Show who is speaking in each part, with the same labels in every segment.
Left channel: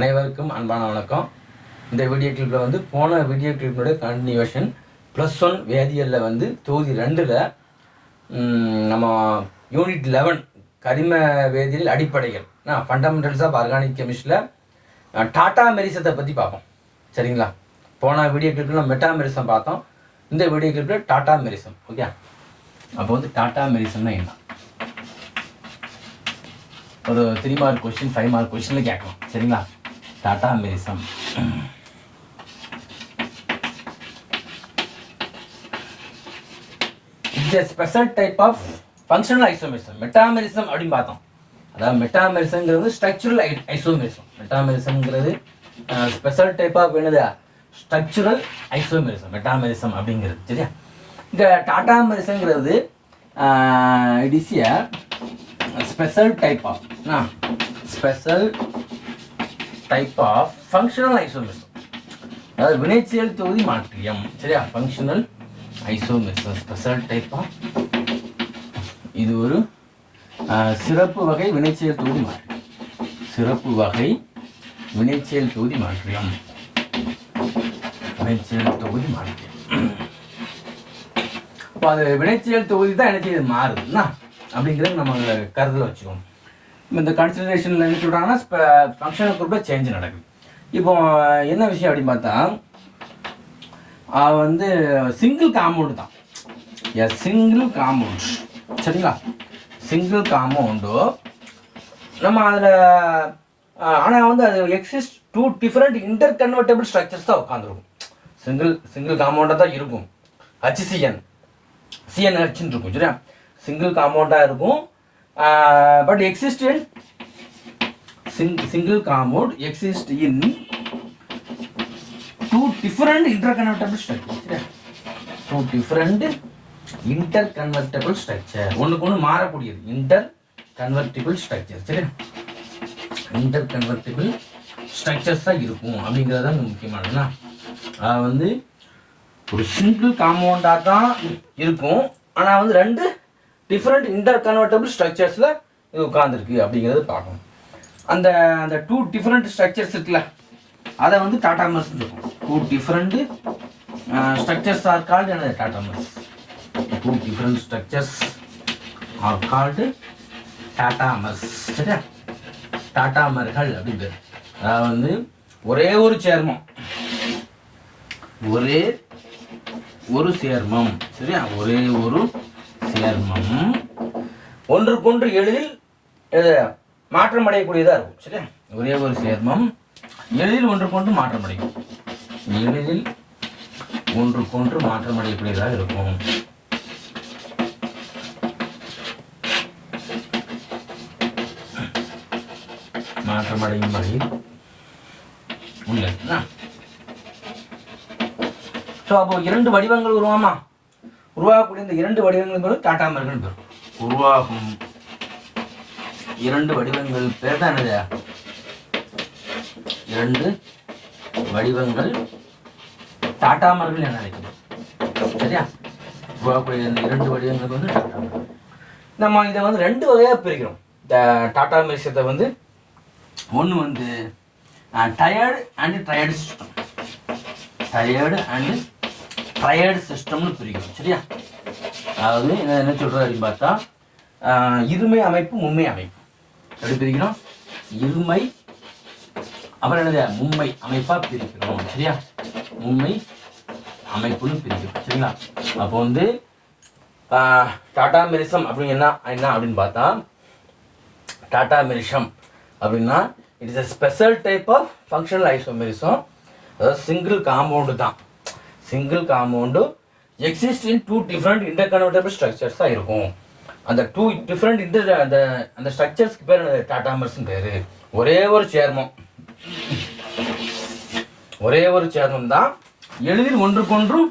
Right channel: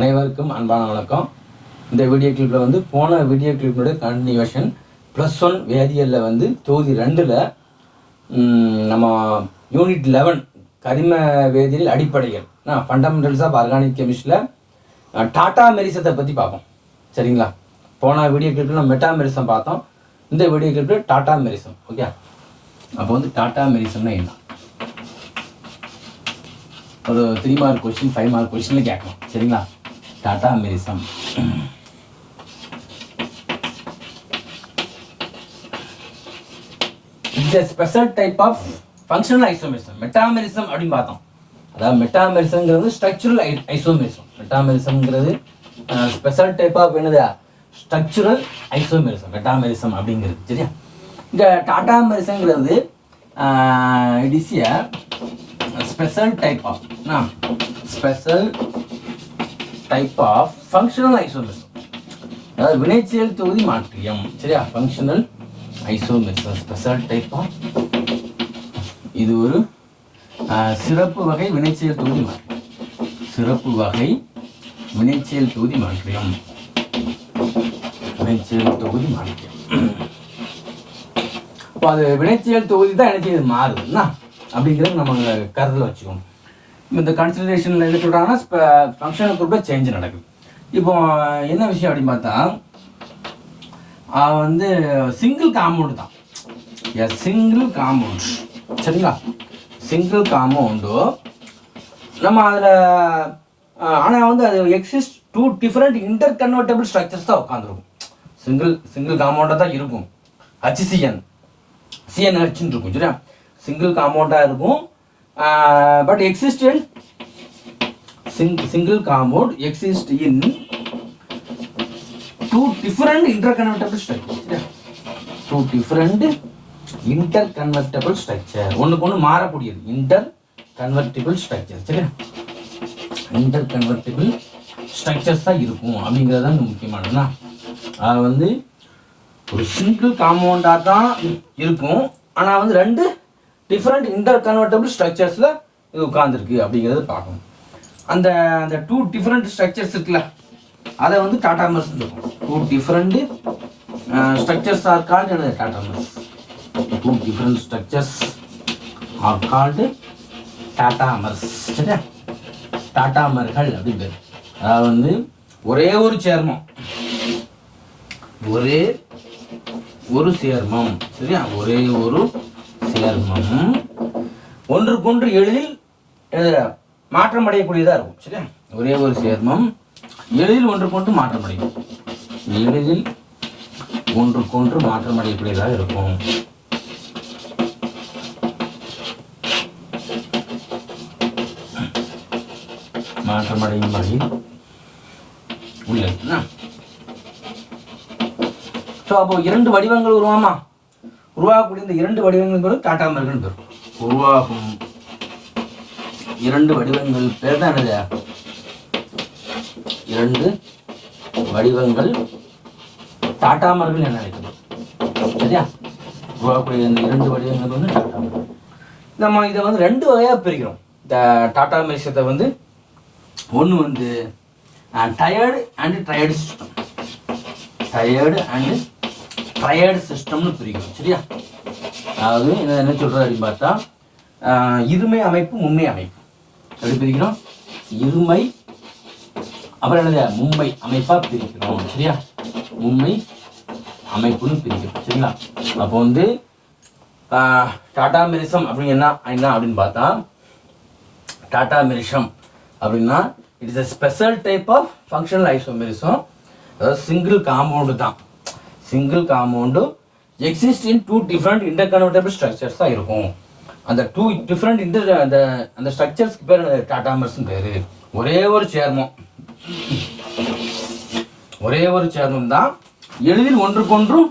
Speaker 1: அனைவருக்கும் அன்பான வணக்கம். இந்த வீடியோ கிளிப்பில் வந்து போன வீடியோ கிளிப்பினுடைய கண்டினியூஷன் ப்ளஸ் ஒன் வேதியியலில் வந்து தொகுதி ரெண்டில் நம்ம யூனிட் லெவன் கரிம வேதியியல் அடிப்படைகள் ஃபண்டமெண்டல்ஸ் ஆஃப் ஆர்கானிக் கெமிஸ்டில் டாட்டா மெரிசத்தை பற்றி பார்ப்போம். சரிங்களா? போன வீடியோ கிளிப்பில் நம்ம மெட்டா மெரிசம் பார்த்தோம். இந்த வீடியோ கிளிப்பில் டாட்டா மெரிசம் ஓகே அப்போ வந்து டாட்டா மெரிசம்னா என்ன? ஒரு three mark question five mark கொஸ்டினில் கேட்கலாம். சரிங்களா? Tautomerism it's a special type of functional isomerism metamerism அப்படின்னு பார்த்தோம். அதாவது மெட்டாமெரிசம்ங்கிறது ஸ்ட்ரக்சுரல் ஐசோமெரிசம் மெட்டாமெரிசம்ங்கிறது ஸ்பெஷல் டைப் ஆஃப் என்னது? ஸ்ட்ரக்சுரல் ஐசோமெரிசம் மெட்டாமெரிசம் அப்படிங்கிறது. சரியா? இங்கே டாடா மெரிசம்ங்கிறது it is a special type of special type of functional isomerism அதாவது வினைச்செயல் தொகுதி மாற்றியம். சரியா? Functional isomerism special type of இது ஒரு சிறப்பு வகை வினைச்செயல் தொகுதி மாற்றியம். சிறப்பு வகை வினைச்செயல் தொகுதி மாற்றியம். வினைச்செயல் தொகுதி மாற்றியம். இப்போ அது வினைச்செயல் தொகுதி தான் என்ன செய்யுது? மாறுதுன்னா அப்படிங்கிறது நம்ம கருத்தில் வச்சுக்கோங்க. இந்த கன்சிடரேஷனில் எடுத்துட்டாங்கன்னா சொல்கிறாங்கன்னா ஃபங்க்ஷனல் குரூப்பில் சேஞ்ச் நடக்குது. இப்போ என்ன விஷயம் அப்படின்னு பார்த்தா அது வந்து சிங்கிள் காம்பவுண்டு தான். எ சிங்கிள் காம்பவுண்ட் சரிங்களா? சிங்கிள் காம்பவுண்டு நம்ம அதில் ஆனால் வந்து அது exist two different interconvertible structures தான் உட்காந்துருக்கும் சிங்கிள் சிங்கிள் காம்பவுண்டாக தான் இருக்கும். ஹச்சிசிஎன் சிஎன்ஹெச்னு இருக்கும் சரியா? சிங்கிள் காம்பவுண்டாக இருக்கும். But exist in single compound exist in two different interconvertible structure சரியா two different interconvertible structure ஒன்றுக்கு ஒன்று மாறக்கூடியது. இன்டர் கன்வெர்டிபிள் ஸ்ட்ரக்சர் சரியா? இன்டர் கன்வெர்டிபிள் ஸ்ட்ரக்சர்ஸ் தான் இருக்கும் அப்படிங்கிறது தான் முக்கியமானதுன்னா. அது வந்து ஒரு சிங்கிள் காம்பவுண்டாக தான் இருக்கும். ஆனால் வந்து ரெண்டு டிஃப்ரெண்ட் இன்டர் கன்வெர்டபிள் ஸ்ட்ரக்சர்ஸில் இது உட்காந்துருக்கு அப்படிங்கிறது பார்க்கணும். அந்த அந்த டூ டிஃப்ரெண்ட் ஸ்ட்ரக்சர்ஸ் இருக்குல்ல அதை வந்து tautomers two different structures are called எனது tautomers two different structures are called tautomers சரியா? டாடா மர்கள் அப்படிங்கிறது அதாவது வந்து ஒரே ஒரு சேர்மம். ஒரே ஒரு சேர்மம். சரியா? ஒரே ஒரு சேர்மம் ஒன்றுக்கொன்று எளிதில் எது, மாற்றம் அடையக்கூடியதாக இருக்கும் சரியா? ஒரே ஒரு சேர்மம். எளிதில் ஒன்றுக்கொன்று மாற்றம் அடையும் எளிதில் ஒன்றுக்கொன்று மாற்றம் அடையக்கூடியதாக இருக்கும். மாற்றம் அடையும் வகையில் உள்ளது ஸோ அப்போ இரண்டு வடிவங்கள் உருவாமா? உருவாகக்கூடிய இந்த இரண்டு வடிவங்கள் பேர் டாடா மர்கள் பேர். உருவாகும் இரண்டு வடிவங்கள் பேர் தான் என்னது? இரண்டு வடிவங்கள் டாடா மருகன் என்ன அழைக்கணும் சரியா? உருவாகக்கூடிய இந்த இரண்டு வடிவங்கள் வந்து டாடா மர்கள் நம்ம இதை வந்து ரெண்டு வகையாக பிரிக்கிறோம். இந்த டாடா மியூசியத்தை வந்து ஒன்று வந்து tiered and tiered system tiered and ட்ரையர்டு சிஸ்டம்னு பிரிக்கும் சரியா? அதாவது என்ன சொல்கிறது அப்படின்னு பார்த்தா இருமை அமைப்பு மும்மை அமைப்பு. எப்படி பிரிக்கிறோம்? இருமை அப்புறம் என்னது? மும்மை அமைப்பாக பிரிக்கிறோம் சரியா? மும்மை அமைப்புன்னு பிரிக்கிறோம் சரிங்களா? அப்போ வந்து டாடா மெரிசம் அப்படின்னு என்ன என்ன அப்படின்னு பார்த்தா டாடா மெரிசம் அப்படின்னா it's a special type of functional isomerism அதாவது சிங்கிள் காம்பவுண்டு தான். Single compound exist in two different interconvertible structures தான் இருக்கும். அந்த டூ டிஃப்ரெண்ட் இந்த அந்த அந்த ஸ்ட்ரக்சர்ஸ்க்கு பேர் டாடா பேர். ஒரே ஒரு சேர்மம். ஒரே ஒரு சேர்மம் தான் எளிதில் ஒன்றுக்கொன்றும்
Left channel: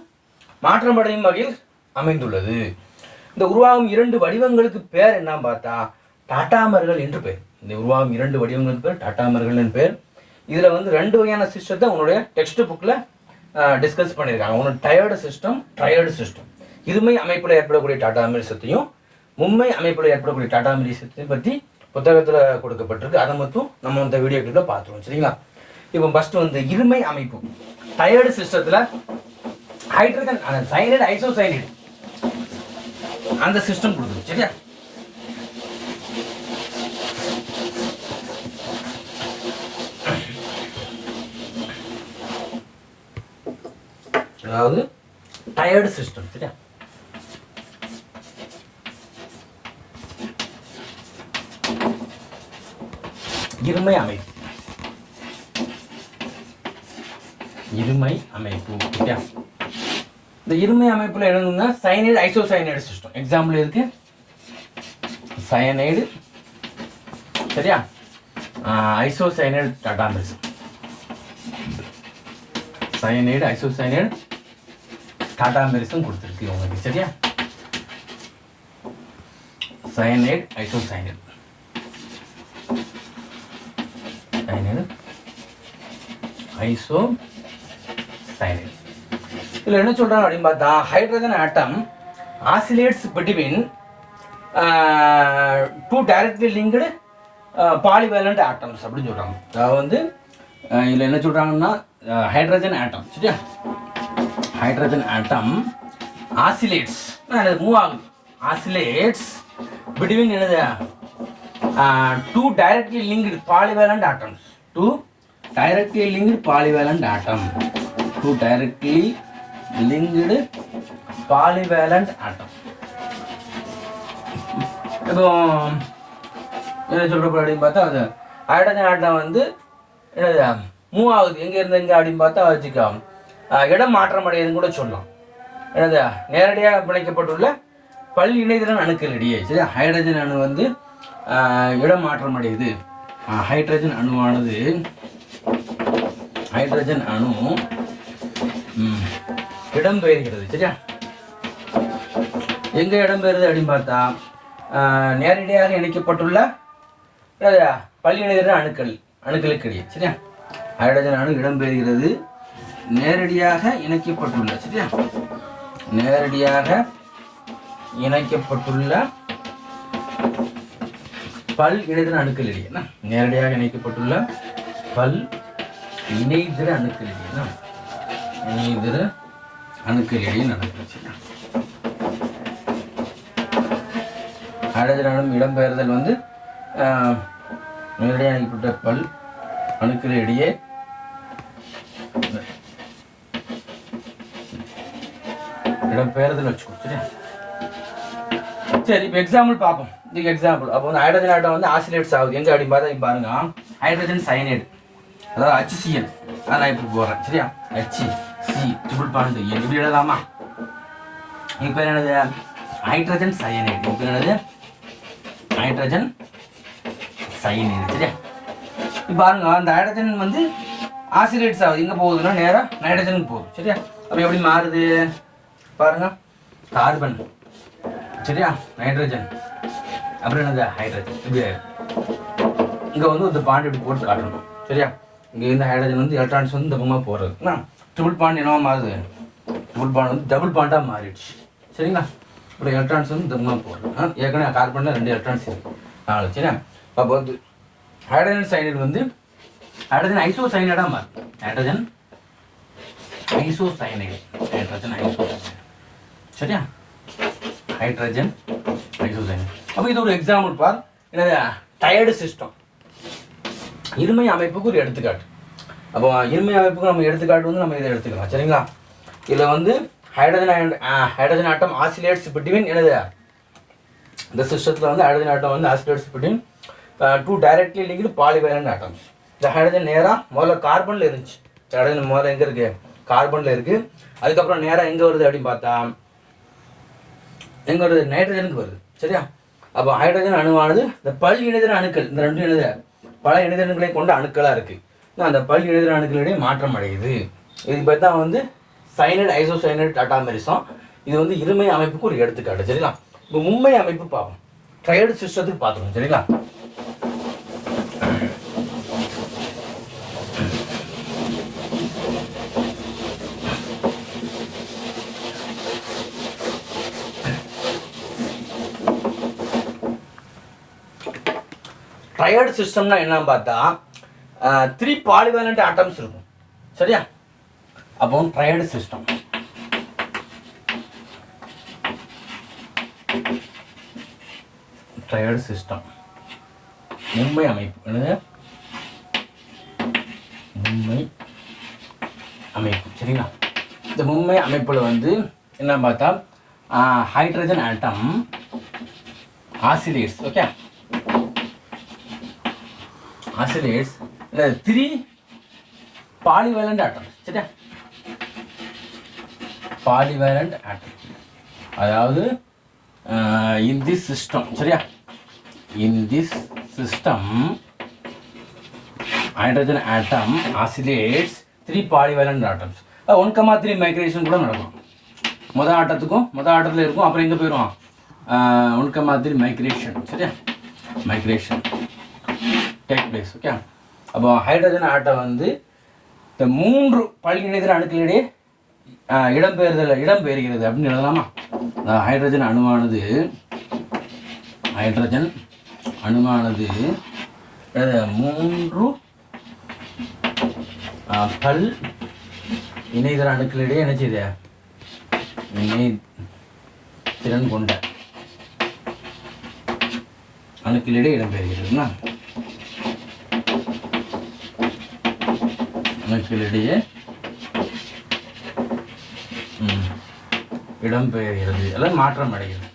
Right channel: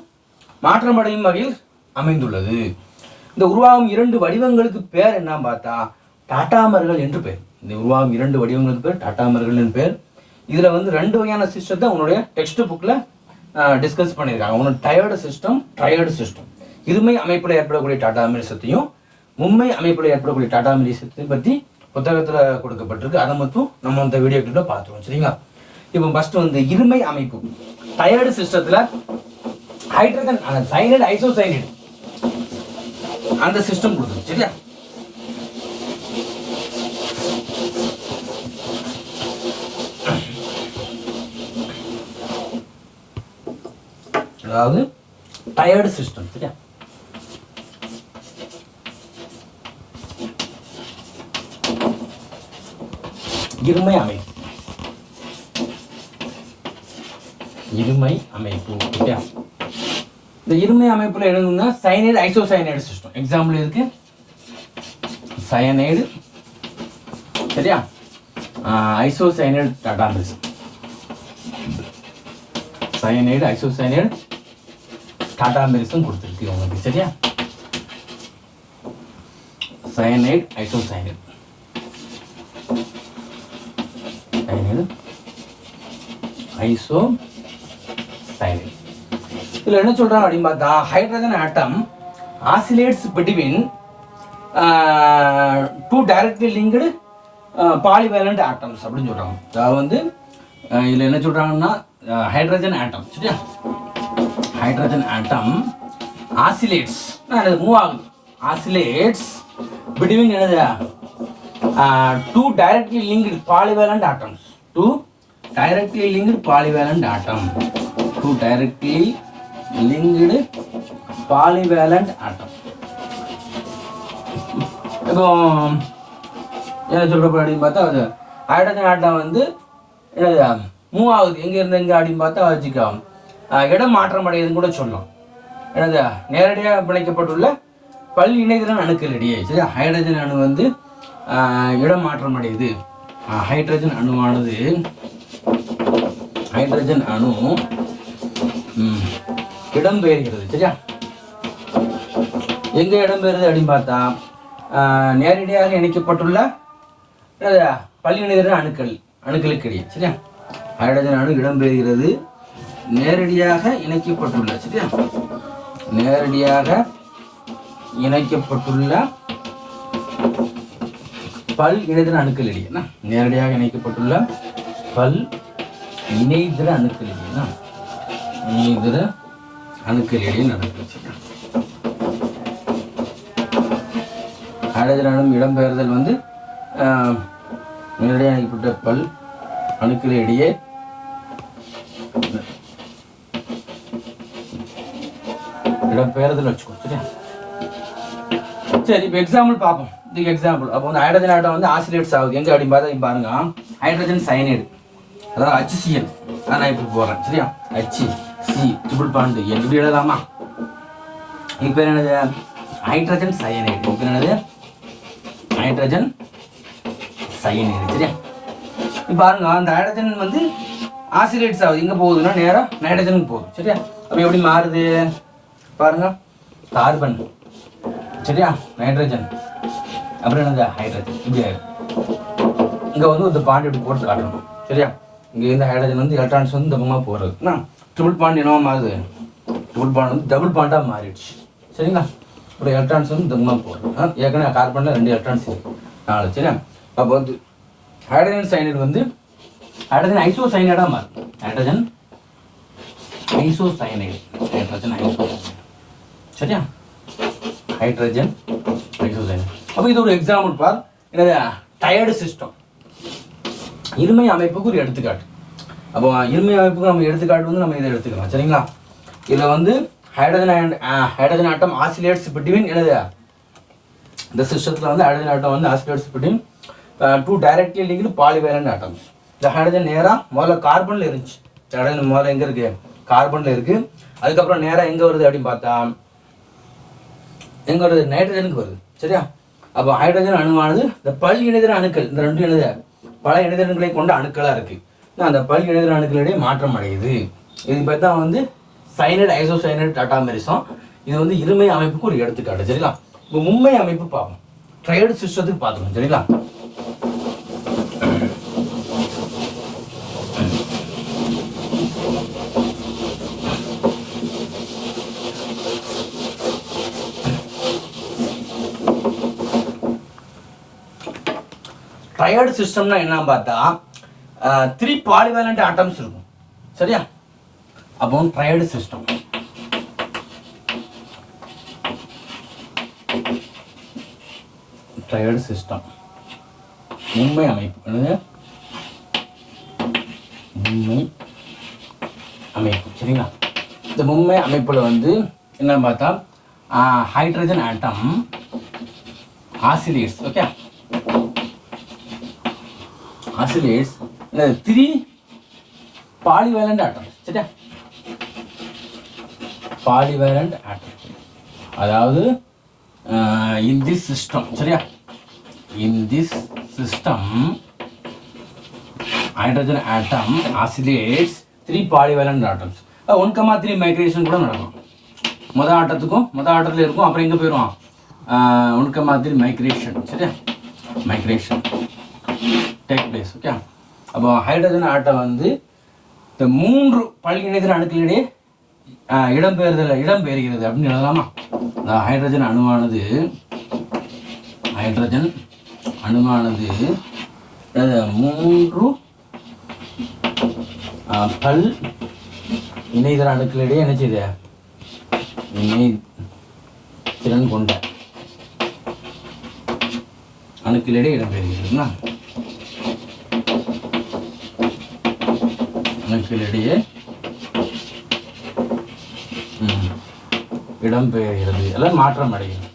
Speaker 1: மாற்றமடையும் வகையில் அமைந்துள்ளது. இந்த உருவாகும் இரண்டு வடிவங்களுக்கு பேர் என்ன பார்த்தா டாட்டாமர்கள் என்று பேர். இந்த உருவாகும் இரண்டு வடிவங்களுக்கு பேர் டாட்டாமர்கள் என்று பேர். இதில் வந்து ரெண்டு வகையான சிஸ்டத்தை உன்னுடைய டெக்ஸ்ட் புக்கில் டிஸ்கஸ் பண்ணியிருக்காங்க. ஒன்று டயர்டு சிஸ்டம் ட்ரையர்டு சிஸ்டம் இருமை அமைப்பில் ஏற்படக்கூடிய டாடா மெரிசத்தையும் மும்மை அமைப்பில் ஏற்படக்கூடிய டாடா மெரிசத்தை பற்றி புத்தகத்தில் கொடுக்கப்பட்டிருக்கு. அதை மட்டும் நம்ம இந்த வீடியோ கிளிப்பில் பார்த்துருவோம் சரிங்களா? இப்போ ஃபர்ஸ்ட் வந்து இருமை அமைப்பு. டயர்டு சிஸ்டத்தில் ஹைட்ரஜன் சைனைடு ஐசோசைனைடு அந்த சிஸ்டம் கொடுத்துரும் சரியா? அதாவது டயர்டு சிஸ்டம் சரியா? இருமை அமைப்பு. இருமை அமைப்பு சரியா? இந்த இருமை அமைப்பில் என்னன்னா சைனைடு ஐசோசைனைடு சிஸ்டம் எக்ஸாம்பிள் இருக்கு சயனைடு சரியா? Isocyanide tautomerism cyanide isocyanide tautomerism கொடுத்துருக்கு உங்களுக்கு சரியா? Cyanide isocyanide cyanide iso cyanide இதில் என்ன சொல்கிறாங்க அப்படின்னு பார்த்தா hydrogen atom oscillates between two directly linked polyvalent atoms அப்படின்னு சொல்கிறாங்க அதாவது வந்து இதில் என்ன சொல்கிறாங்கன்னா ஹைட்ரஜன் ஆட்டம் சரியா? ஹைட்ரஜன் ஆட்டம் ஆசிலேட்ஸ் மூவ் ஆகுது. ஆசிலேட்ஸ் பிட்வீன் என்னது? Two directly linked polyvalent atoms two directly linked polyvalent atom two directly linked polyvalent atom இப்போ என்ன சொல்கிறப்ப அப்படின்னு பார்த்தா அது ஹைட்ரஜன் ஆட்டம் வந்து என்னது மூவ் ஆகுது. எங்கே இருந்து எங்கே அப்படின்னு பார்த்தா வச்சுக்கோ. இடம் மாற்றம் அடையுதுன்னு கூட சொல்லலாம். என்னது நேரடியாக பிணைக்கப்பட்டுள்ள பல் இணைதிறன் அணுக்கள் இடையே சரி ஹைட்ரஜன் அணு வந்து இடம் மாற்றம் அடையுது. ஹைட்ரஜன் அணுவானது ஹைட்ரஜன் அணு இடம் இடம்பெயர்கிறது சரியா? எங்க இடம்பெயர்றது அப்படின்னு பார்த்தா நேரடியாக இணைக்கப்பட்டுள்ள பள்ளி இணைகிற அணுக்கள் அணுக்களுக்கு இடையே சரியா? ஹைட்ரஜன் அணு இடம்பெயர்கிறது நேரடியாக இணைக்கப்பட்டுள்ள சரியா? நேரடியாக இணைக்கப்பட்டுள்ள பல் இணைதிர அணுக்கள் இடையே நேரடியாக இணைக்கப்பட்டுள்ள பல் இணைதிர அணுக்கள் இடையே இணைதிர அணுக்கள் இடையே நடக்குது சரியா இடம்பெயர்தல் வந்து நேரடியாக இணைக்கப்பட்ட பல் அணுக்கள் இடையே இடம்பெயர்தல் வச்சுக்கோ சரியா? சரி இப்போ எக்ஸாம்பிள் பார்ப்போம். இதுக்கு எக்ஸாம்பிள் அப்போ வந்து ஹைட்ரஜன் ஆட்டம் வந்து ஆசிலேட்ஸ் ஆகுது. எங்கே அப்படின்னு பார்த்தா இங்க பாருங்க. ஹைட்ரஜன் சயனைடு அதாவது HCl அதான் நான் இப்போ போடுறேன் சரியா? ஹச் சி ட்ரிபிள் பாண்டு எப்படி எழுதலாமா இப்போ பேர் என்னது? ஹைட்ரஜன் சயனைடு இப்போ பேர் என்னது? ஹைட்ரஜன் சயனைடு சரியா? இப்போ பாருங்க அந்த ஹைட்ரஜன் வந்து ஆசிலேட்ஸ் ஆகுது. எங்கே போகுதுன்னா நேராக நைட்ரஜனுக்கு போகுது சரியா? அப்போ எப்படி மாறுது? பாருங்க. கார்பன் சரியா? நைட்ரஜன் அப்புறம் என்னது? ஹைட்ரஜன் இப்படி ஆயிடும். இங்கே வந்து இந்த பாண்ட் இப்படி போட்டு காட்டணும். சரியா? இங்கே இந்த ஹைட்ரஜன் வந்து எலக்ட்ரான்ஸ் வந்து இந்த பக்கமாக போகிறது என்ன? ட்ரிபிள் பாண்ட் என்னவா மாறுது? ட்ரிபிள் பாண்ட் வந்து டபுள் பாண்டாக மாறிடுச்சு. சரிங்களா? அப்புறம் எலக்ட்ரான்ஸ் வந்து இந்த பக்கமாக போகிறது ஏற்கனவே கார்பனில் ரெண்டு எலக்ட்ரான்ஸ் இருக்குது நாலு சரியா? அப்போ வந்து ஹைட்ரஜன் சைனைடு வந்து ஹைட்ரஜன் ஐசோ சைனைடாக மாறும் hydrogen iso cyanide hydrogen iso சரியா? ஹைட்ரஜன் ஐசோசைன் அப்போ இது ஒரு எக்ஸாம்பிள் பார். என்னது? டயர்டு சிஸ்டம் இருமை அமைப்புக்கு ஒரு எடுத்துக்காட்டு. அப்போ இருமை அமைப்புக்கு நம்ம எடுத்துக்காட்டு வந்து நம்ம இதை எடுத்துக்கலாம். சரிங்களா? இதில் வந்து hydrogen hydrogen atom oscillates between என்னது? இந்த சிஸ்டத்தில் வந்து ஹைட்ரஜன் ஆட்டம் வந்து oscillates between two directly linked polyvalent atoms இந்த ஹைட்ரஜன் நேராக முதல்ல கார்பனில் இருந்துச்சு. ஹைட்ரஜன் முதல்ல எங்கே இருக்குது கார்பனில் இருக்குது அதுக்கப்புறம் நேராக எங்கே வருது அப்படின்னு பார்த்தா எங்களோட நைட்ரஜனுக்கு வருது. சரியா? அப்போ ஹைட்ரஜன் அணுவானது இந்த பல் இணைதிர அணுக்கள் இந்த ரெண்டு இணைத பல இணைதிரன்களை கொண்ட அணுக்களாக இருக்குது அந்த பல் இணைதிர அணுக்களிடையே மாற்றம் அடையுது. இது பேர் தான் வந்து சைனட் ஐசோசைனட் டாட்டாமெரிசம் இது வந்து இருமை அமைப்புக்கு ஒரு எடுத்துக்காட்டு சரிங்களா? இப்போ மும்மை அமைப்பு பார்ப்போம். ட்ரையடு சிஸ்டத்துக்கு பார்த்துக்கணும் சரிங்களா? ட்ரையர்டு சிஸ்டம்னா என்னன்னு பார்த்தா த்ரீ பாலிவேலண்ட் ஆட்டம்ஸ் இருக்கும். சரியா? அப்போ ட்ரையர்டு சிஸ்டம் ட்ரையர்டு சிஸ்டம் மும்பை அமைப்பு. என்னது? மும்பை அமைப்பு. சரிங்களா? இந்த மும்பை அமைப்பில் வந்து என்ன பார்த்தா ஹைட்ரஜன் ஆட்டம் ஆசிலேட்ஸ் ஓகே ஆசிலேட்ஸ் இல்லை த்ரீ பாலிவேலண்ட் ஆட்டம் சரியா? பாலிவேலண்ட் ஆட்டம் அதாவது இன் திஸ் சிஸ்டம் சரியா? In this system hydrogen atom oscillates three polyvalent atoms one comma three migration கூட நடக்கும். மொதல் ஆட்டத்துக்கும் மொதல் ஆட்டத்தில் இருக்கும் அப்புறம் எங்கே போயிடும் ஒன் கமா த்ரீ மைக்ரேஷன் சரியா? மைக்ரேஷன் டேக் பிளேஸ் ஓகே அப்போ ஹைட்ரஜன் ஆட்டம் வந்து இந்த மூன்று பள்ளி இணைதல் அணுக்களிடையே இடம்பெயர்தல் இடம்பெயர்கிறது அப்படின்னு எழுதலாமா? ஹைட்ரஜன் அணுவானது ஹைட்ரஜன் அணுவானது மூன்று பல் இணைதல் அணுக்களிடையே என்ன செய்த இணை திறன் கொண்ட அணுக்களிடையே இடம்பெறுகிறதுனா மக்களிடையே ம், எல்லாம் மாற்றம் அடைகிறது.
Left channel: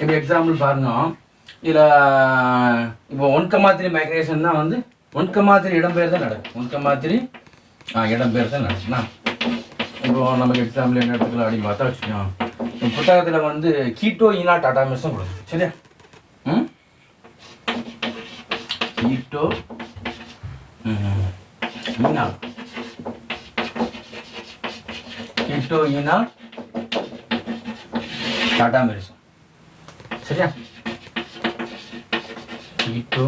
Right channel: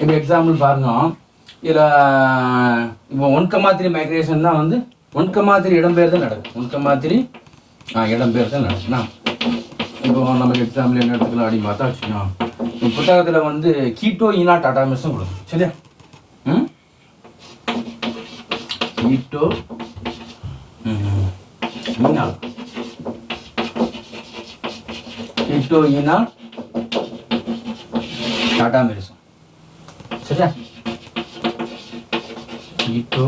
Speaker 1: இப்போ எக்ஸாம்பிள் பாருங்க. இதில் இப்போ ஒன்கமாத்திரி மைக்ரேஷன் தான் வந்து ஒன்கமாத்திரி கமா த்ரீ இடம்பெயர்தான் நடக்கும் ஒன்கமாத்திரி கமா த்ரீ இடம்பெயர்தான் நடக்கும்னா இப்போ நமக்கு எக்ஸாம்பிள் என்ன எடுத்துக்கலாம் அப்படின்னு பார்த்தா வச்சுக்கோங்க. புத்தகத்தில் வந்து கீட்டோ ஈனா டாடா மிஸ்ஸும் கொடுக்கும் சரியா? ம்? கீட்டோ ஈனா கீட்டோ ஈனா? டாடா மெரிசம் சரியா? ஈட்டோ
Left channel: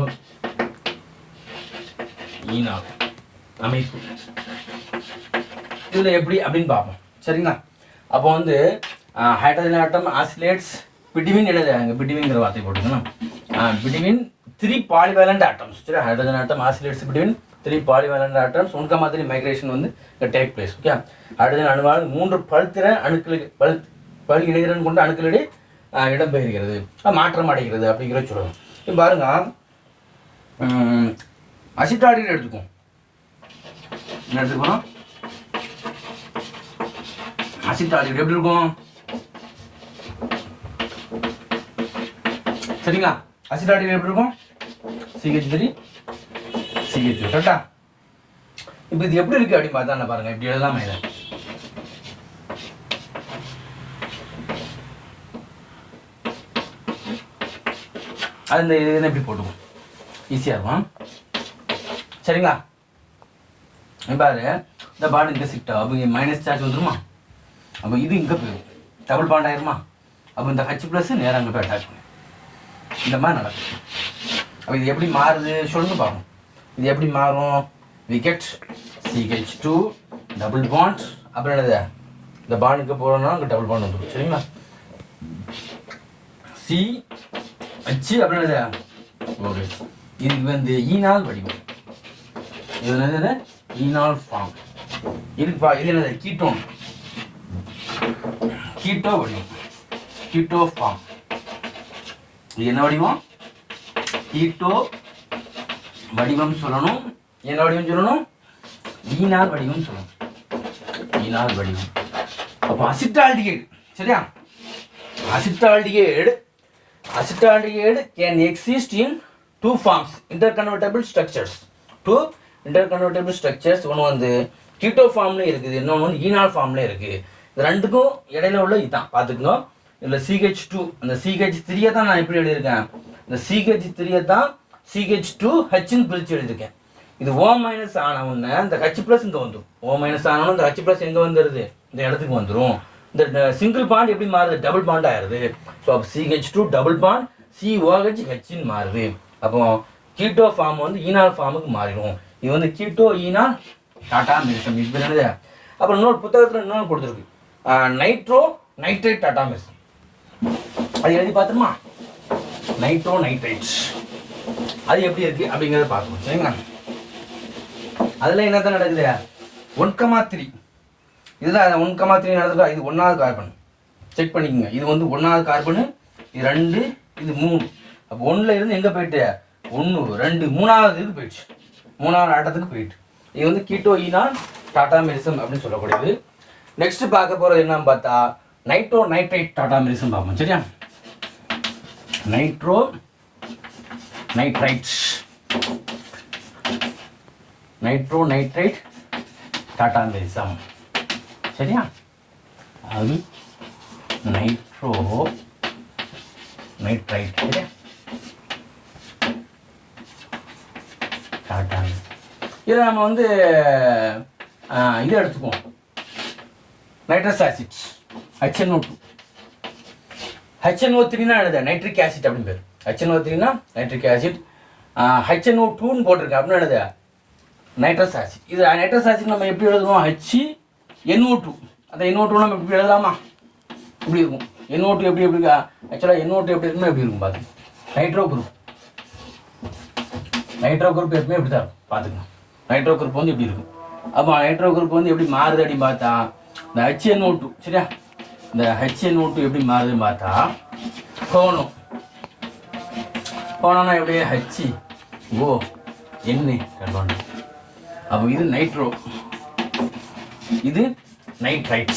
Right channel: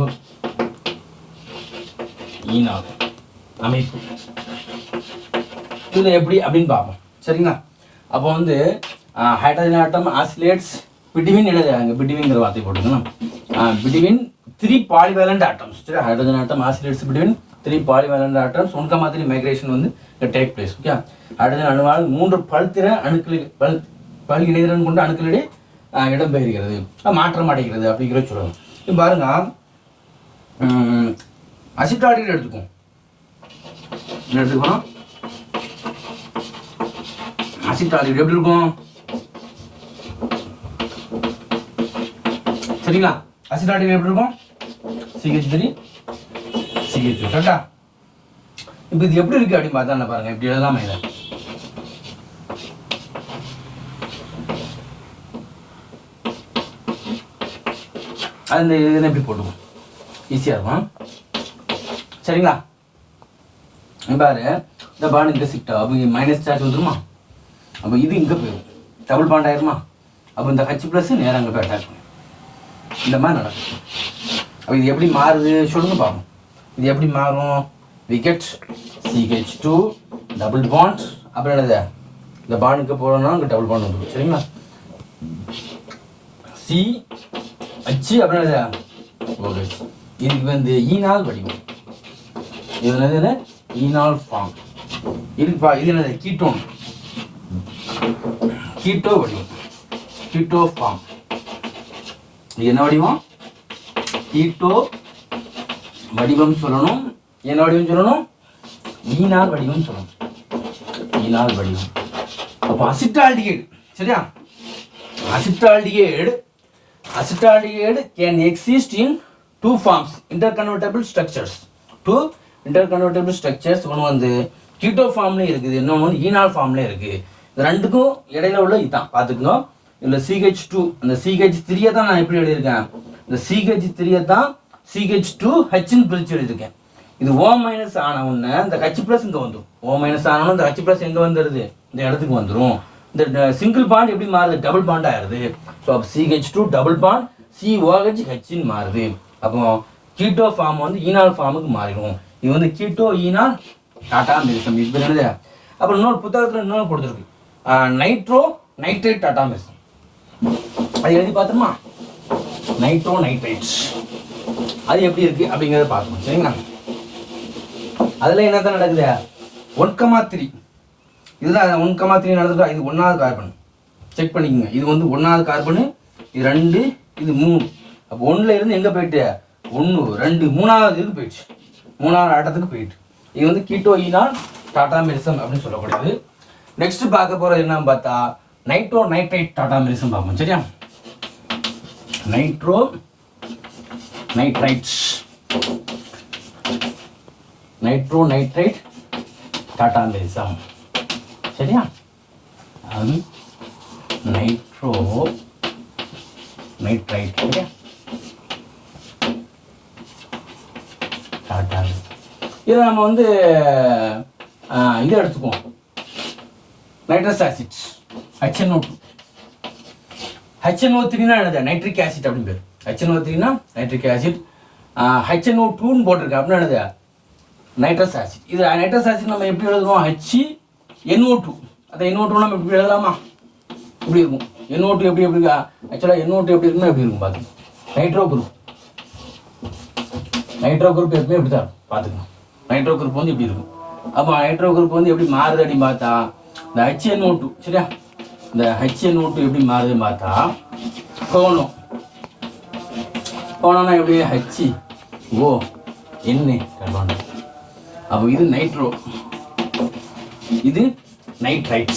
Speaker 1: ஈனா. அமைப்பு. இதில் எப்படி அப்படின்னு பார்ப்போம். சரிங்களா? அப்போ வந்து ஹைட்ரஜன் ஆட்டம் ஆசிலேட்ஸ் பிடிவின் எழுதுறாங்க அங்கே பிடிவின்ங்கிற வார்த்தை போட்டுக்கணும் பிடிவின் த்ரீ பாலிவேலண்ட் ஆட்டம்ஸ் சரி hydrogen atom oscillates between three polyvalent atoms ஒன்க மாதிரி மைக்ரேஷன் வந்து டேக் பிளேஸ் ஓகே அடுத்த அணுவால் மூன்று பல்திற அணுக்களுக்கு பல் பல் இடைதிறன் கொண்ட அணுக்களிடையே இடம்பெயர்கிறது. மாற்றம் அடைகிறது அப்படிங்கிற சொல்லணும். இப்போ பாருங்க. அசிட்டாடிகள் எடுத்துக்குவோம். என்ன எடுத்துக்கணும் எப்படி இருக்கும்? சரிங்களா? அசிட்டாடிகள் எப்படி இருக்கும்? சிஹெச் த்ரீ சிஹெச் கரெக்டா இப்போ இது எப்படி இருக்கு அப்படின்னு பார்த்தா பாருங்க. இப்படி எழுதலாமா இதை. அது இந்த இது எப்படி போட்டுவோம் ஈஸியாக இருக்கும். சரிங்களா? பாரு. இந்த பாண்ட் இந்த சிக்டா அப்போ மைனஸ் சார்ஜ் வந்துருமா? அப்போ இது இங்கே போயிடும் டபுள் பாண்ட் ஆயிருமா? அப்போ இந்த ஹச் ப்ளஸ் நேரம் அங்கே போய் அட்டாச் பண்ணும் இந்த மாதிரி நடக்கும். அப்போ இது எப்படி மாறுது? சொல்லுங்க பார்ப்போம் இது எப்படி மாறும்? விக்கெட் சிஹெச் டூ டபுள் பாண்ட் அப்புறம் என்னது? இந்த பாண்டுக்கு போகிறோம்னா அங்கே டபுள் பாண்ட் வந்துடும் சரிங்களா? சி அச்சு அப்புறம் என்னது? ஓகே இதுக்கு வந்து e ஈனால் வடிவம். இது என்னது? ஈனால் ஃபார்ம் இது இது என்னது? கீட்டோன் கீட்டோ வடிவம். கீட்டோ ஃபார்ம் இது என்ன வடிவம்? கீட்டோ வடிவம் சொல்லணும் என்ன வடிவம் சொல்லணும்? ஈனார் வடிவம் சொல்லணும். ஈனார் வடிவம். அப்போ அசிட்டால்டிகேட் சரியா? Acetaldehyde acetaldehyde can exist in two forms interconvertible structures two interconvertible structures ஒன்று வந்து கீட்டோ ஃபார்ம்லேயும் இருக்குது இன்னொன்று ஈனால் ஃபார்ம்லேயும் இருக்குது இது ரெண்டுக்கும் இடையில உள்ள இதுதான் பார்த்துக்கணும் இதில் சிஹெச் டூ அந்த சிஹெச் த்ரீயை தான் நான் எப்படி எழுதியிருக்கேன்? இந்த சிஹெச் த்ரீயை தான் சிஹெச் டூ ஹெச்னு பிரித்து எழுதியிருக்கேன். இது ஓ மைனஸ் ஆன உடனே இந்த ஹச் ப்ளஸ் இங்கே வந்துடும் ஓ மைனஸ் ஆனவொன்னே இந்த ஹச் ப்ளஸ் எங்கே வந்துடுது இந்த இடத்துக்கு வந்துடும் இந்த சிங்கிள் பாண்ட் எப்படி மாறுது? டபுள் பாண்ட் ஆயிடுது ஸோ அப்போ CH two double bond COH ஹெச்னு மாறுது. அப்போ கீட்டோ ஃபார்ம் வந்து ஈனால் ஃபார்முக்கு மாறிடும். இது வந்து கீட்டோ ஈனால் டாட்டாமிசம் இது என்னது? அப்புறம் இன்னொரு புத்தகத்தில் இன்னொன்று கொடுத்துருக்கு. நைட்ரோ நைட்ரேட் டாட்டாமிசம் அது எழுதி பார்த்துருமா? நைட்ரோ நைட்ரேட் அது எப்படி இருக்கு அப்படிங்கிறத பார்க்கணும் சரிங்களா? அதில் என்னதான் நடக்குது? ஒன் கமா த்ரீ இதில் ஒன் கமா த்ரீ நடந்துருக்கா? இது ஒன்றாவது கார்பன் செக் பண்ணிக்கோங்க. இது வந்து ஒன்றாவது கார்பனு இது ரெண்டு இது மூணு. அப்போ ஒன்றில் இருந்து எங்கே போயிட்டு? ஒன்று ரெண்டு மூணாவது இதுக்கு போயிடுச்சு. மூணாவது ஆட்டத்துக்கு போயிட்டு. இது வந்து கீட்டோயினா டாடா மெரிசம் அப்படின்னு சொல்லக்கூடியது. நெக்ஸ்ட் பார்க்க போகிறது என்னன்னு பார்த்தா நைட்ரோ நைட்ரைட் டாடா மெரிசம் பார்ப்போம் சரியா? நைட்ரோ நைட்ரைட்ஸ் நைட்ரோ நைட்ரைட் டாடா சரியா? அது நைட்ரோ நைட்ரைட் சரியா? டாட்டா இதை நம்ம வந்து இதை எடுத்துக்குவோம். Nitrous acids HNO two HNO த்ரீனா எழுத. நைட்ரிக் ஆசிட் அப்படின்னு பேர் ஹெச்என்ஓ த்ரீனா நைட்ரிக் ஆசிட் ஹெச்என்ஓ டூன்னு போட்டிருக்கேன் அப்படின்னு என்னது நைட்ரஸ் ஆசிட் இது நைட்ரஸ் ஆசிட் நம்ம எப்படி எழுதுவோம்? ஹெச்சி என்ஓ டூ அந்த என்ஓ டூ நம்ம எப்படி எழுதலாமா? இப்படி இருக்கும். என்ஓ டூ எப்படி எப்படி ஆக்சுவலாக என்ஓ டூ எப்படி இருக்குன்னா எப்படி இருக்கும் பார்த்து நைட்ரோ குரூப் நைட்ரோ குரூப் எப்பவுமே இப்படி தான் இருக்கும். பார்த்துக்கணும் நைட்ரோ குரூப் வந்து இப்படி இருக்கும். அப்போ நைட்ரோ குரூப் வந்து எப்படி மாறுது அப்படின்னு பார்த்தா இந்த ஹெச்என்ஓ டூ சரியா? இந்த ஹெச்என்ஓ டூ எப்படி மாறுதுன்னு பார்த்தா கோணம் போனோன்னா எப்படி? ஹச்சி ஓ என்ன கர்பன் அப்போ இது நைட்ரோ இது நைட்ரைட்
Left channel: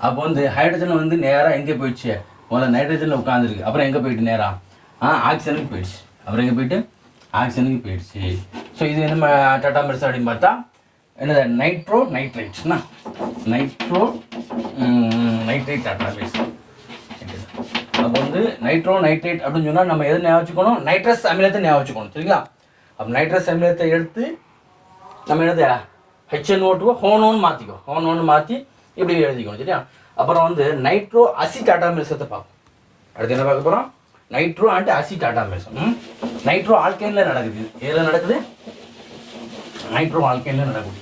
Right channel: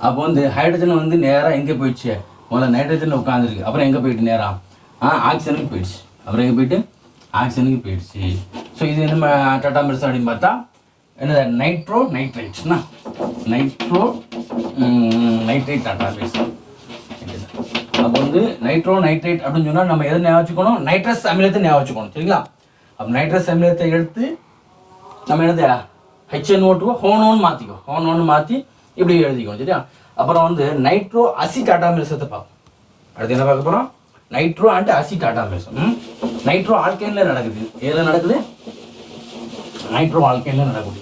Speaker 1: அப்போ வந்து ஹைட்ரஜன் வந்து நேராக எங்கே போயிடுச்சு? முதல்ல நைட்ரஜனில் உட்காந்துருக்கு அப்புறம் எங்கே போயிட்டு நேராக ஆ ஆக்சிஜனுக்கு போயிடுச்சு. அப்புறம் எங்கே போயிட்டு? ஆக்சிஜனுக்கு போயிடுச்சு. ஸோ இது நம்ம டாட்டா மெடிசன் அப்படின்னு பார்த்தா என்னது? நைட்ரோ நைட்ரைட்ஸ்னா நைட்ரோ நைட்ரைட் டாட்டா மெடிசன் அப்போ வந்து நைட்ரோ நைட்ரேட் அப்படின்னு சொன்னால் நம்ம எதை ஞாபகம் வச்சுக்கணும்? நைட்ரஸ் அமிலத்தை ஞாபகம் வச்சுக்கணும் சரிங்களா? அப்போ நைட்ரஸ் அமிலத்தை எடுத்து நம்ம என்னது? ஹெச்என்ஓ டூ ஹோனோன்னு மாற்றிக்கோ ஹோனோன்னு மாற்றி இப்படி எழுதிக்கணும் சரியா? அப்புறம் வந்து நைட்ரோ அசிட் அட்டாமிசத்தை பார்ப்போம். அடுத்து என்ன பார்க்க போகிறோம் nitro and aci tautomerism nitro ஆல்கைனில் நடக்குது. எதில் நடக்குது? நைட்ரோ ஆல்கைனில் நடக்குது.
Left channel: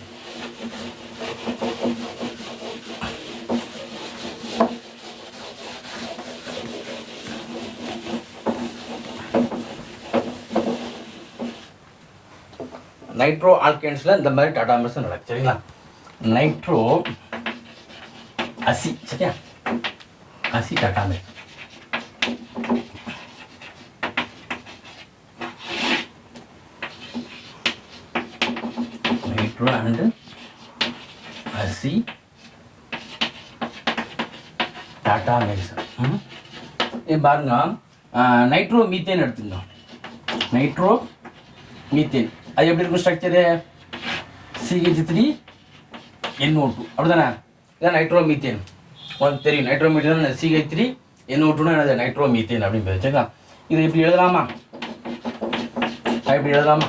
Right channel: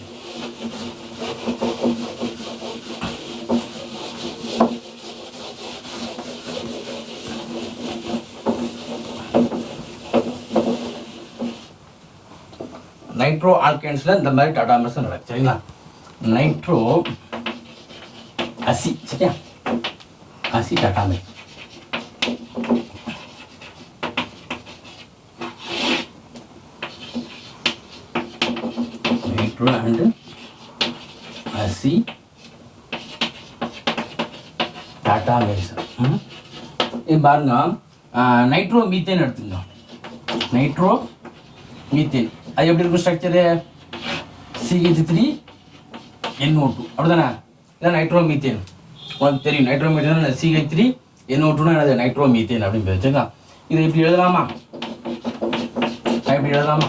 Speaker 1: நைட்ரோ ஆல்கேன்ஸில் இந்த மாதிரி டாடா மெர்சன் நடக்குது சரிங்களா? நைட்ரோ அசி சரியா? அசி டாடா மெர்ஸ். நைட்ரோ அண்டு அசி டாடா மெர்சன் இது பாருங்க நைட்ரோ மீத்தேன் எடுத்துக்கோங்க. நைட்ரோ மீத்தேன் அது எப்படி இருக்கும் structure CH three NO two அப்படிதானே? இதான் நைட்ரோமீத்தேன் உங்களுக்கு தெரியும் நைட்ரோமீத்தேன் சிஹெச் த்ரீ என்ஓ டூனா என்னது? நைட்ரோமீத்தேன் அப்படின்னு பேர். சரிங்களா? இது எப்படி எழுதலாமா? அது எப்படி எழுதலாமா?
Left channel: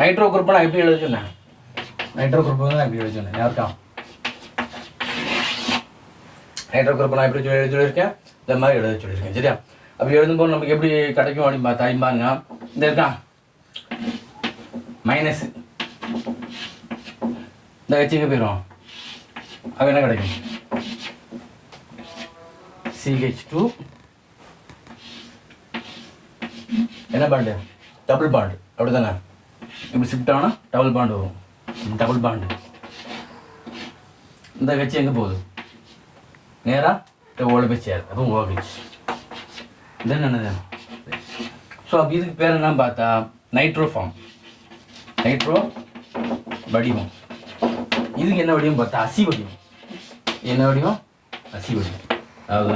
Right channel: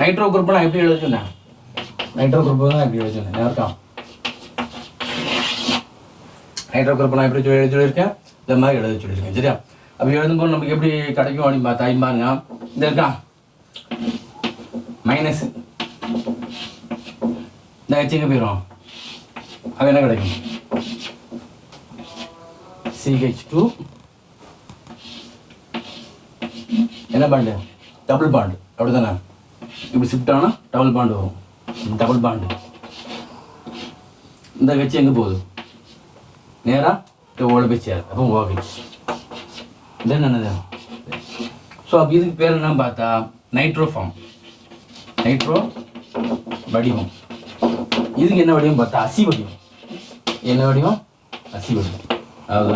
Speaker 1: நைட்ரோ குரூப் நான் எப்படி எழுத சொன்னேன்? நைட்ரோ குரூப் தான் எப்படி எழுத சொன்னேன். யாருக்கா நைட்ரோ குரூப் நான் எப்படி எழுத சொல்லியிருக்கேன்? இந்த மாதிரி எழுத சொல்லியிருக்கேன். சரியா? அப்படி எழுதும்போது நமக்கு எப்படி கிடைக்கும் அப்படின்னு பார்த்தா பாருங்க. இந்த இருக்கா? மைனஸ் இந்த ஹெச்சுக்கு போயிடும் அது என்ன கிடைக்கும்? சிஹெச் டூ என்ன பாண்டு டபுள் பாண்டு அப்படி தானே இப்படி ஷிஃப்ட் ஆனால் டபுள் பாண்டு வரும். டபுள் பாண்டு இந்த கட்சி எங்கே போகுது? நேராக ஓட போய் சேர் அப்போ ஓகே இது என்னது ஸோ அப்போ இதுக்கு பேர் என்ன பார்த்தா நைட்ரோ ஃபார்ம் நைட்ரோ வடிவம். இதுக்கு என்ன வடிவம் பார்த்தா அசி வடிவம். என்ன வடிவம்? அசி வடிவம். அதாவது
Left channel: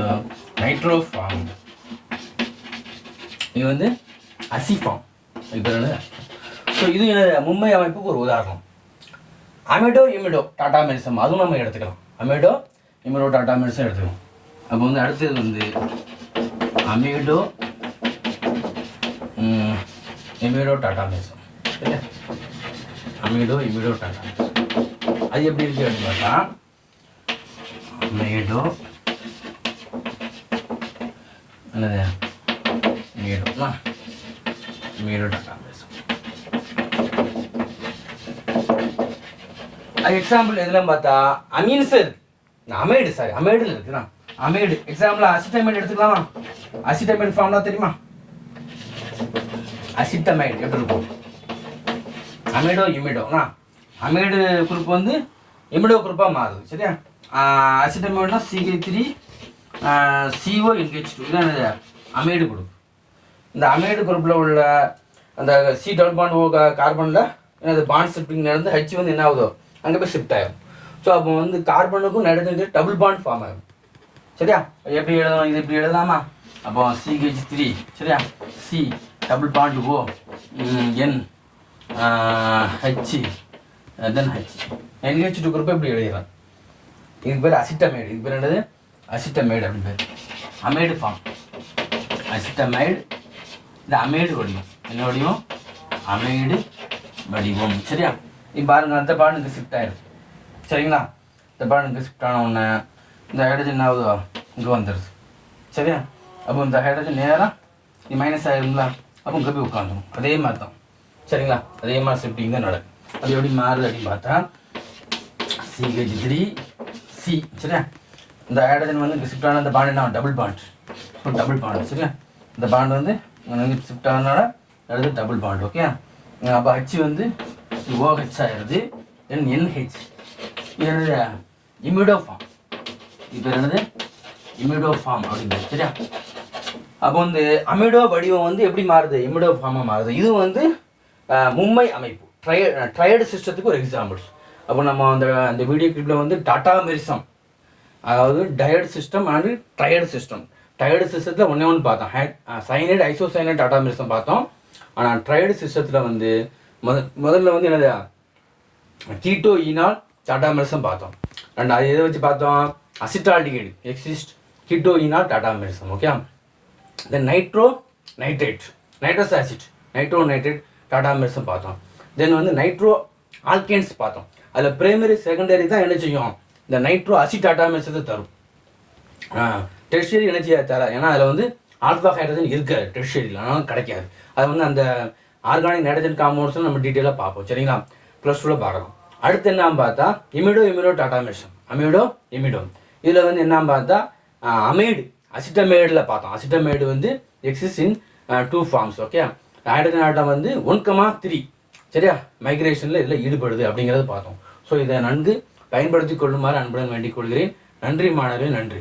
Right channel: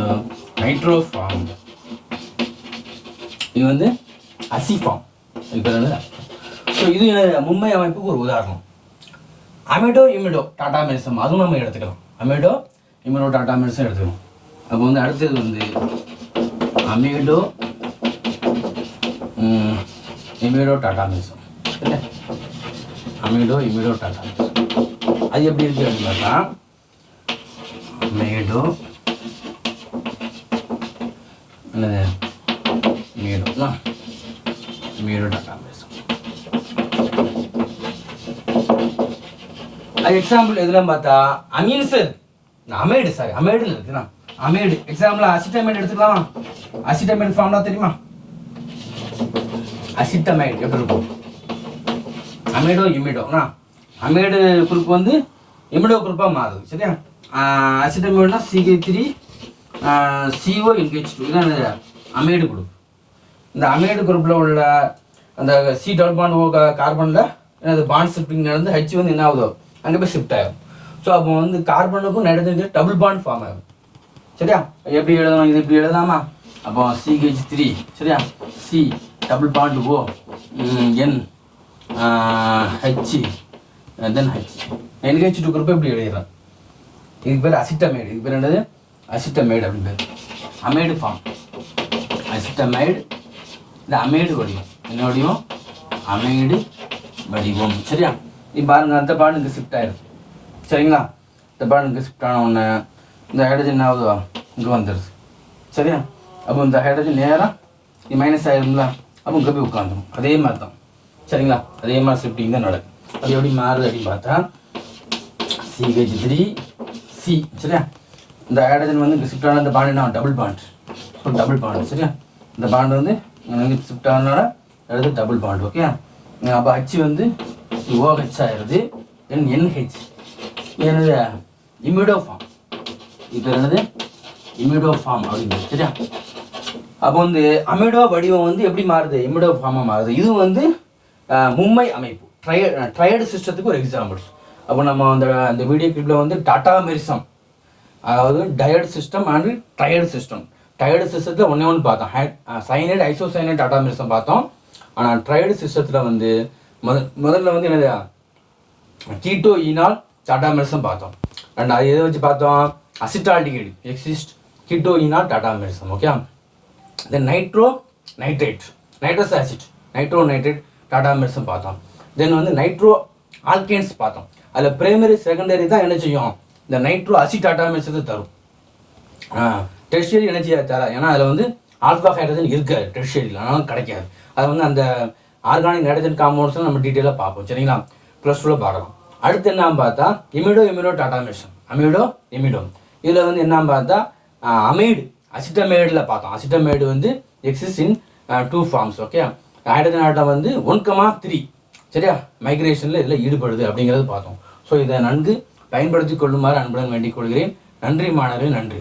Speaker 1: நைட்ரோஃபார்ம் இது வந்து அசிஃபார்ம் இது பேர் என்ன ஸோ இது என்ன- மும்பை அமைப்புக்கு ஒரு உதாரணம். அமிடோ இமிடோ டாடா மெடிசம் அதுவும் நம்ம எடுத்துக்கலாம். அமிடோ இமிடோ டாடா மெடிசம் எடுத்துக்கலாம். அப்போ வந்து அடுத்தது வந்து அமிடோ ம், இமிடோ டாடா மெடிசம் சரியா அமிடோ இமிடோ டாடா மெடிசம் அது எப்படி இருக்கு அப்படின்னு பார்த்தா அமிடோ என்னது மீடோ மீடோ டாடா மெடிசம் அது எக்ஸாம்பிள் எதுலாம் பார்த்தா அமீன்ஸ் இருக்கு அமைடு சாரி அமைடில் இருக்குண்ணா அமைடு எக்ஸாம்பிள் அசிட்டமைடு எடுத்துக்கலாமா. அசிட்டமைடு ஃபார்ம்லாம் தெரியுமா? அசிட்டமைடு எப்படி இருக்கும்? அமிடோ இமிடோனா அமிடு குரூப் வந்து இமிடோ குரூப்பாக மாறுது சரியா? அசிட்டமைடுனா CH three CO NH two இதான் அமேடு குரூப் இந்த அமேடு குரூப்பில் உள்ள அந்த சி டபுள் பாண்ட் ஓ கார்பனில் என்னது பாண்ட் ஷிஃப்டிங் நடந்து ஹெச் வந்து என்ன ஆகுதோ அங்கே போய் ஷிஃப்ட் ஆகும் ஸோ அப்போ வந்து கார்பனுக்கும் நைட்ரஜன் டபுள் பாண்ட் ஃபார்ம் ஆகும் சரியா? எப்படி எழுதணும்? இது இப்படி எழுதாமா? அப்போ சிஹெச் த்ரீ சரியா? C double bond O? N H then H NH two group இப்படி எழுதிடலாம் இது பேர் அசிட்டமைடு இது பேர் என்னது? அசிட்டமைடு அப்படின்னு பேர். அமைடு ஃபார்ம் அசிட்டமைடு இந்த அமைடு வடிவம். என்ன வடிவம்? அமைடு வடிவம். சரியா? இப்போ பாருங்க அந்த பாடம் இங்கே ஷிஃப்ட் ஆயிருக்கு. சரிங்களா? இந்த பாடம் இங்கே ஷிஃப்ட் ஆன உடனே இந்த ஹைட்ரஜன் ஆகுது இங்கே வந்துடுது சரியா? அப்போ இந்த ஹைட்ரஜன் நேராக இது மைனஸ் ஆயிரும்ல? அப்போ இங்கே போய் அதே மாதிரி தான் சரிங்களா? அதே மாதிரி ஷிஃப்டிங் தான் நடக்கும். அது எப்படி மாறுது அப்படின்னு பார்த்தா சிஹெச் த்ரீ சி சரியா? இந்த ஹைட்ரஜன் வந்து ஷிஃப்ட் ஆன இந்த பாண்ட் என்ன? டபுள் பாண்ட் இப்போ டபுள் பாண்ட் சரியா? இந்த பாண்ட் வந்து ஷிஃப்ட் ஆனனால அடுத்து டபுள் பாண்ட் ஓகே? அப்போ ஹச் வந்து ஓஹெச் ஆயிடுது. தென் என்ஹெச் என்னது? இமிடோ ஃபார்ம் இது பேர் என்னது? இமிடோ ஃபார்ம் அப்படின்னு சரியா? அப்போ வந்து அமிடோ வடிவம் வந்து எப்படி மாறுது? இமிடோ ஃபார்மாக மாறுது. இது வந்து மும்மை அமைப்பு. ட்ரைய ட்ரையடு சிஸ்டத்துக்கு ஒரு எக்ஸாம்பிள்ஸ் அப்போ நம்ம அந்த அந்த வீடியோ கிளிப்பில் வந்து டாட்டா மெரிசம் அதாவது டயர்டு சிஸ்டம் அண்ட் ட்ரையடு சிஸ்டம் டயர்டு சிஸ்டத்தில் ஒன்றே ஒன்று பார்த்தோம். ஹை சைனைடு ஐசோசைனைட் டாட்டா மெரிசம் பார்த்தோம். ஆனால் ட்ரையடு சிஸ்டத்தில் வந்து முத முதல்ல வந்து என்னது? கீட்டோ ஈனால் டாட்டா மெரிசம் பார்த்தோம். அண்ட் அது எதை வச்சு பார்த்தோம்? Acetaldehyde exist கிட்டோயினா tautomerism okay then nitro nitrate nitrous acid nitro nitrate tautomerism பார்த்தோம். தென் வந்து நைட்ரோ ஆல்கேன்ஸ் பார்த்தோம். அதில் பிரைமரி செகண்டரி தான் என்ன செய்யும்? இந்த நைட்ரோ அசிட்டாட்டா மெடிசத்தை தரும். டெர்ஷரி எனர்ஜியாக தர. ஏன்னா அதில் வந்து ஆல்ஃபா ஹைட்ரஜன் இருக்காது டெர்ஷரியில் அதனால கிடைக்காது. அது வந்து அந்த ஆர்கானிக் நைட்ரஜன் காம்பவுண்ட்ஸ் நம்ம டீட்டெயிலாக பார்ப்போம். சரிங்களா? ப்ளஸ் டூவில் பார்க்கலாம். அடுத்து என்ன பார்த்தா imido imido tautomerism amido imido இதில் வந்து என்ன பார்த்தா அமைடு அசிட்டமைடில் பார்த்தோம். அசிட்டமைடு வந்து exist in two forms okay hydrogen atom வந்து ஒன் கமா த்ரீ சரியா? மைக்ரேஷனில் இதில் ஈடுபடுது அப்படிங்கிறத பார்த்தோம். ஸோ இதை நன்கு பயன்படுத்தி கொள்ளுமாறு அன்புடன் வேண்டிக் கொள்கிறேன். நன்றி மாணவர்கள் நன்றி.